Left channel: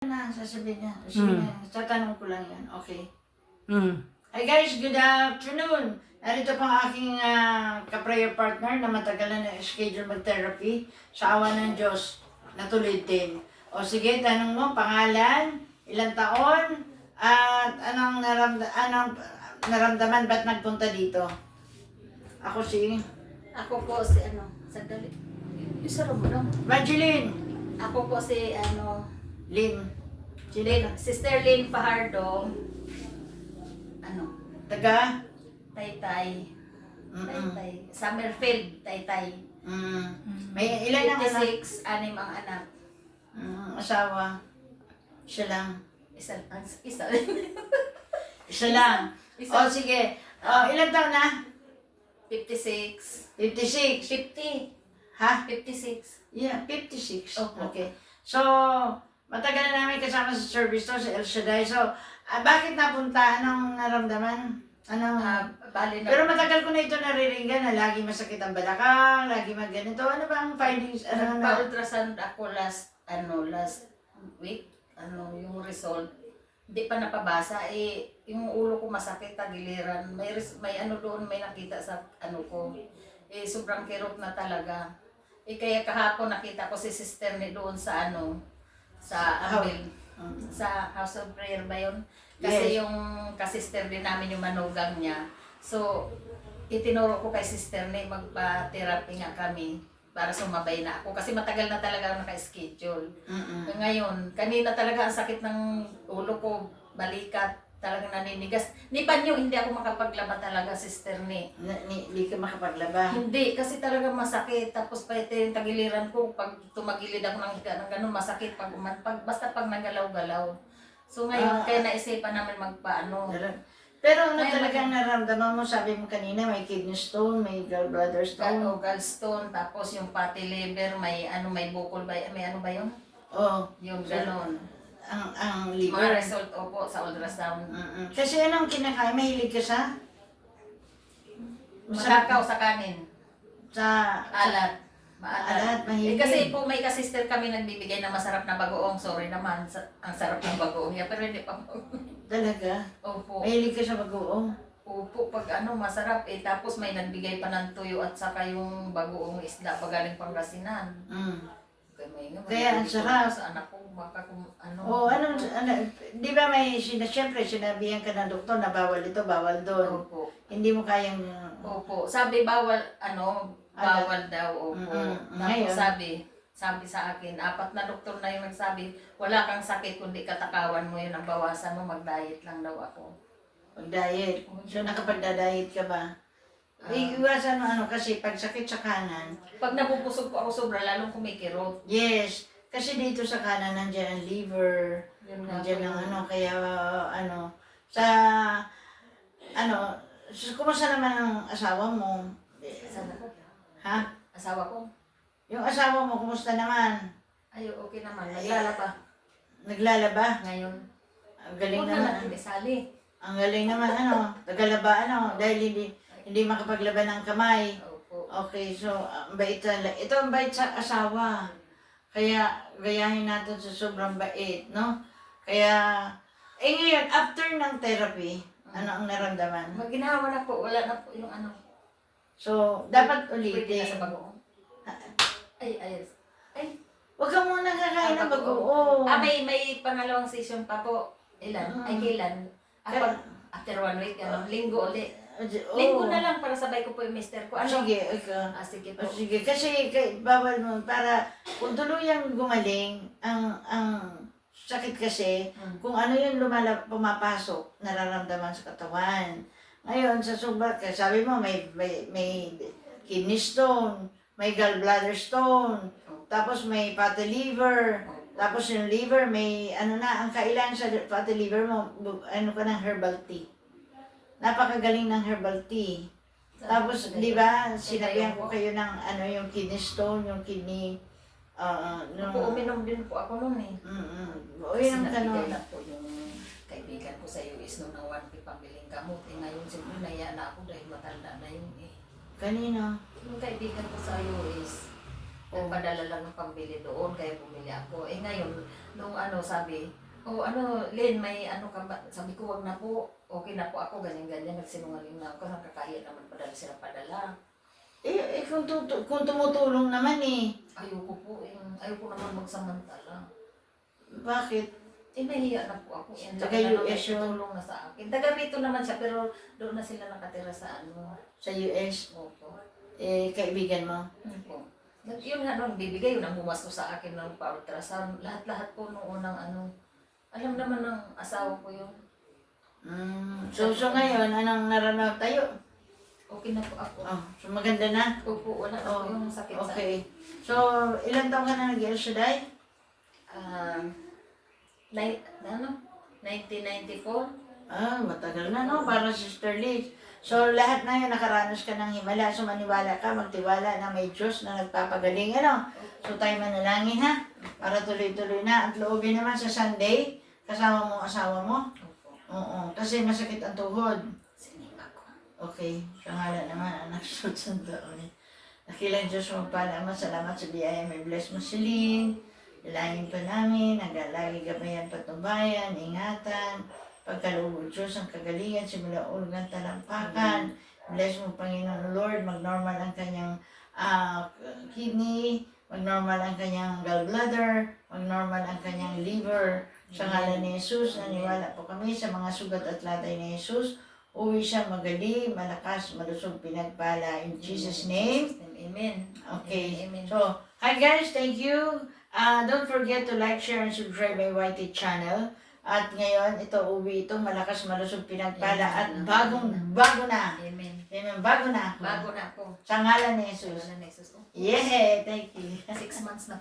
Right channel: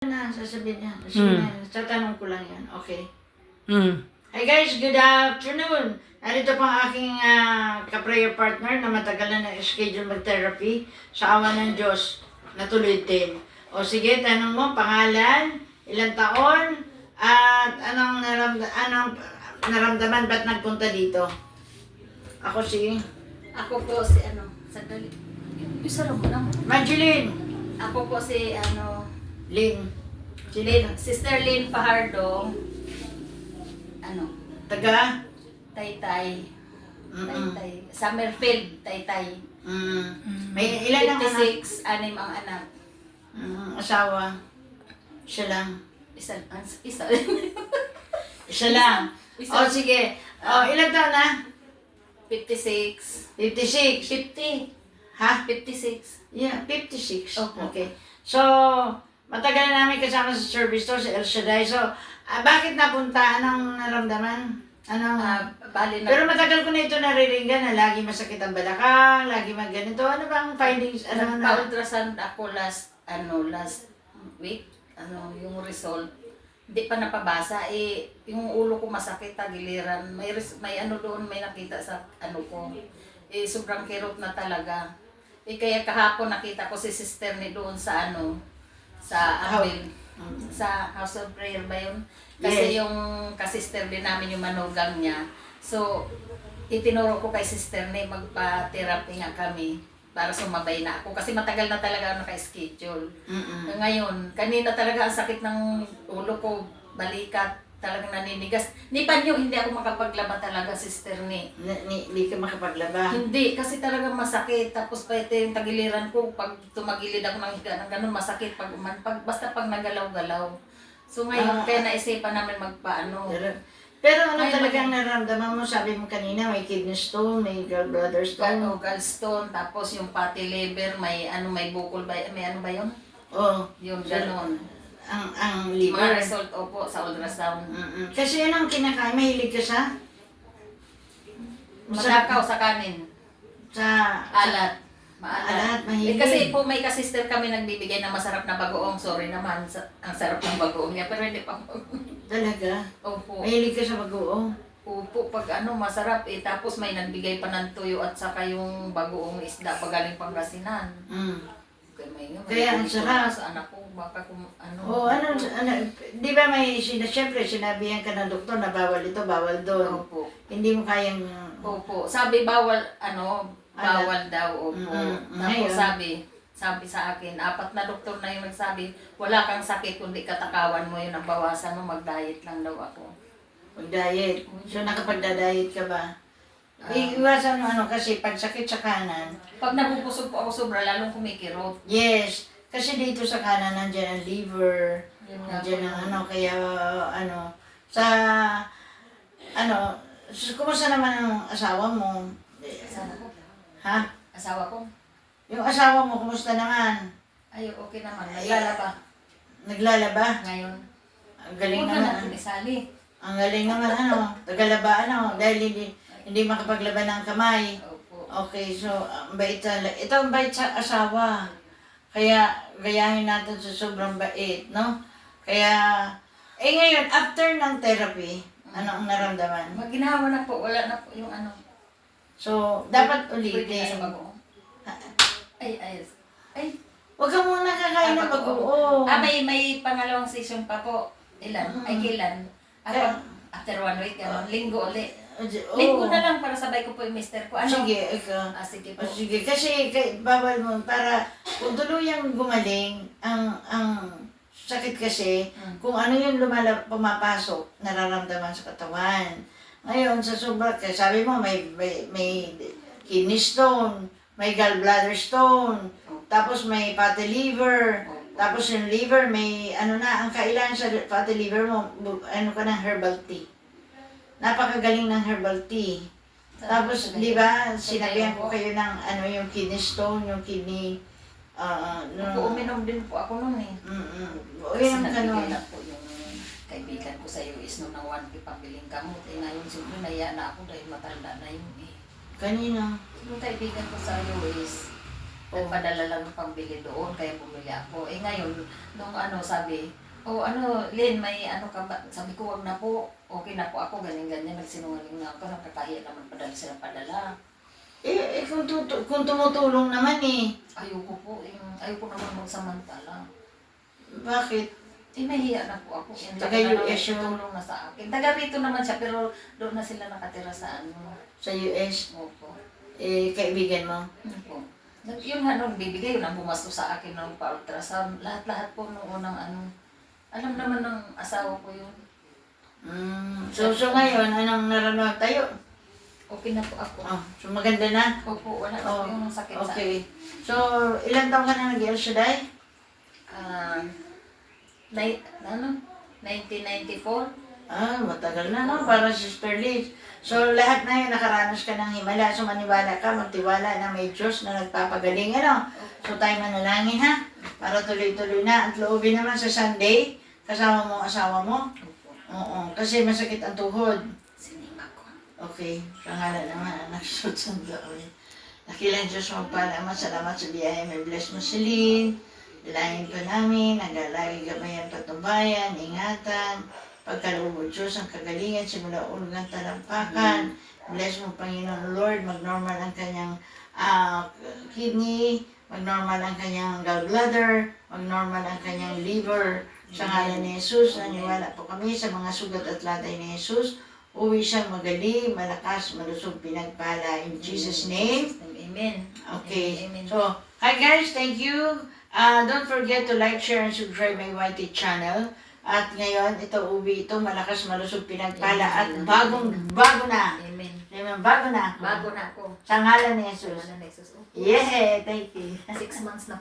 Na, sasabihin niya. Sige na, tatanong ko lang yan. Okay. Mm. Hi guys, good afternoon. Narito po ang aking ka-prayer partner na matagal na schedule mag-therapy sa awa ng Diyos. Natuloy din. O sige, tanong mo, pangalan, ilang taon, at anong naramdaman, ba't nagpunta dito? Ako si Ako po si sandali. Isa mo lang. Magdalene. Ako po si Lynn. Sister Lynn Fajardo. Taga? Taytay. Mm-mm. Taytay. Summerfield, Taytay. May ilan ang anak? 56, anim ang anak. Asawa. Isa lang. Isa. Isa lang. Isa. O sige. O, ilang taon na? 56. 56. 50. Ha? 56. Yeah, 56. Opo. Okay. So, matagal na namin kasama sa service to, sa El Shaddai. So, bakit napunta? Anong naramdaman? Anong... Bali na. Pero matagal ko na ito nariringgan na lagi masakit ang balakang, lagi magganito. Ano ba ang findings? Ano na? Pa-ultrasound ako last week. Yung result. Hindi pa napabasa. Yung ulo ko masakit, tagiliran. May doon, may nakita sa ko. Sobrang kirot na talaga. Kaya kahapon nakita ko si sister ni doon sa sa Anvil. Sa House of Prayer ba yun? Kasi Yes. yung kasister din namin yung manugang niya. So, itinuro ko kay sister ni magpa-therapy nga kami para sumabay na ako. Kasi matagal na talaga ako naka-schedule. Ngayon, kanina talaga ang sakit ng ulo ko, balikat, talagang naninigas. Ni Panyo, hindi ako makapaglaba talaga, sister ni. Hindi ka makapaglaba. Hindi, kasi talagang masakit. Tapos pa ito yung tagiliran ko, pag tumagilid ako ng higa ng ganun, masakit. Basta pag nagalaw-galaw. So ngayon, kaya naisipan namin magpaano. Pero ano Ay, talagang naramdaman mo? Sabi mo kanina, may kidney stone, may gallbladder stone. Gallstone, tapos yung fatty liver, may bukol ba, may ba yun? Oh, Yung ganon. ang Mga liver. result, opo, sa ultrasound. Kasi anong kinakain? Mahilig ka sa? Masakaw sa kanin. Sa Alat. Alat, mahilig. Kasi po may kasister kami nagbibigay ng masarap na bagoong. Sorry naman, ang sarap ng bagoong niya, pero hindi pa po. Talaga? Opo. Mahilig ka sa bagoong? Opo, pag masarap tapos may nagbigay pa ng tuyo at saka yung bagoong isda pagaling Pangasinan. Kaya ang sarap. sa anak ko, baka kung Oo, di ba siyempre sinabihan ka ng doktor na bawal ito, bawal doon. Opo. Hindi mo kayang... Opo. Sabi bawal, bawal daw, opo. Ngayon? Tapos sabi sa akin, 4 na doktor na yung nagsabi, wala kang sakit kundi katakawan mo yun, ang bawasan mo, mag-diet lang daw ako. Pag-diet. So, nakapagda-diet ka ba? Iwasan mo kasi pag sakit sa kanan. Pag nabubusog po ako sobra, lalong kumikirot. Yes. Kasi dito sa kanan, nandiyan ang liver. Yun nga Nandiyan po. ang kaya sa, kumusta naman ang asawa mo? Asawa ko. Ha? Asawa ko. Yung asawa mo, kumusta naman? Ay, okay naman. Naglalaba. Naglalaba? Ngayon. Ang galing Huwag naman. na isali. Ang galing naman, tagalaba, dahil hindi makapaglaba ng kamay. Opo. Okay, so, ang bait ito ang bait sa asawa. Kaya, gayahin natin sa sobrang bait, no? Kaya, ngayon, after ng therapy, ano ang naramdaman? Ginawa na po. Wala na po yung So, dapat Pwede na sa ulitin. bagoong. Ay. Huwag ka muna kakain ng bagoong. May pangalawang session pa po. Ilan? Ay, kailan? After 1 week, linggo ulit. Linggo na lang para sabay ko po yung mister ko. Sige, ikaw. Sige po. Sige, kasi bawal mo para kung tuluyang gumaling ang sakit kasi kung ano yung pumapasok nararamdaman sa katawan. Ngayon sa sabi mo may kidney stone, may gallbladder stone, tapos may fatty liver, tapos yung liver may ang kailangan sa fatty liver mo ka ng herbal tea. Napakagaling ng herbal tea. Tapos, di ba, sinabihan ko kayo ng yung kidney stone, yung kidney, Uminom din po ako noon eh. Kasi nagbigay lang po yung kaibigan ko sa US noon ng 1K pambiling gamot. Ngayon, siguro naya na ako dahil matanda na yun eh. Kanina. Yung kaibigan ko sa US, Nagpadala lang ng pambili doon, kaya bumili ako. Eh ngayon, nung sabi, Lynn, may ka ba? Sabi ko, wag na po. Okay na po ako, ganyan-ganyan. Nagsinungaling na ako, nakakahiya naman padala. Kung tumutulong naman eh. Ayoko po, ayoko naman magsamantala. Bakit? Nahiya na po ako. Taga-US yun. Tulong na sa akin. Taga rito naman siya, pero doon na sila nakatira sa Sa US? Opo. Kaibigan mo? Opo. Yun nga nung bibigay, yun ang bumasto sa akin ng pa-ultrasound. Lahat-lahat po nung unang alam naman ng asawa ko yun. So ngayon, anong nararamdaman tayo? Okay na po ako. So maganda na? Opo, wala na po yung sakit sa akin. Okay. So, ilang taon ka na nag-El Shaddai? 1994. Matagal na, no? Para Sister Liz. So, lahat na yun, nakaranas ka ng himala. So, maniwala ka, magtiwala na may Diyos na nagpapagaling, ano? So, tayo manalangin, ha? Para tuloy-tuloy na. At loobin naman sa Sunday, kasama mo ang asawa mo. Oo, kasi masakit ang tuhod. Sinima ko. Okay, sa ngalan naman, anak, susunod kami. Nakilang Diyos magpala, Ama, salamat sa biyaya. May bless mo si Lynn. Dalangin pa namin, nagalagi gamayan patnubayan, ingatan, pagkaloob Diyos ang kagalingan, simula ulog ng talampakan. Bless mo, Panginoon Lord, mag-normal ang kanyang kidney, mag-normal ang kanyang gallbladder, mag-normal ang kanyang liver. Sa ngalan ni Jesus, naniwala po kami sa mga sugat at latay ni Jesus. Uwi siya magaling, malakas, malusog, pinagpala. In Jesus' name. Amen. Okay. Amen. So, hi guys, thank you. Don't forget to like, share, and subscribe my YT channel. At ngayon, ito uwi ito, malakas, malusog, pinagpala at bago na. Amen. Amen, bago na. Bago na ako. Sa ngalan ni Jesus. Wala na Jesus. Yeah, thank you. 6 months na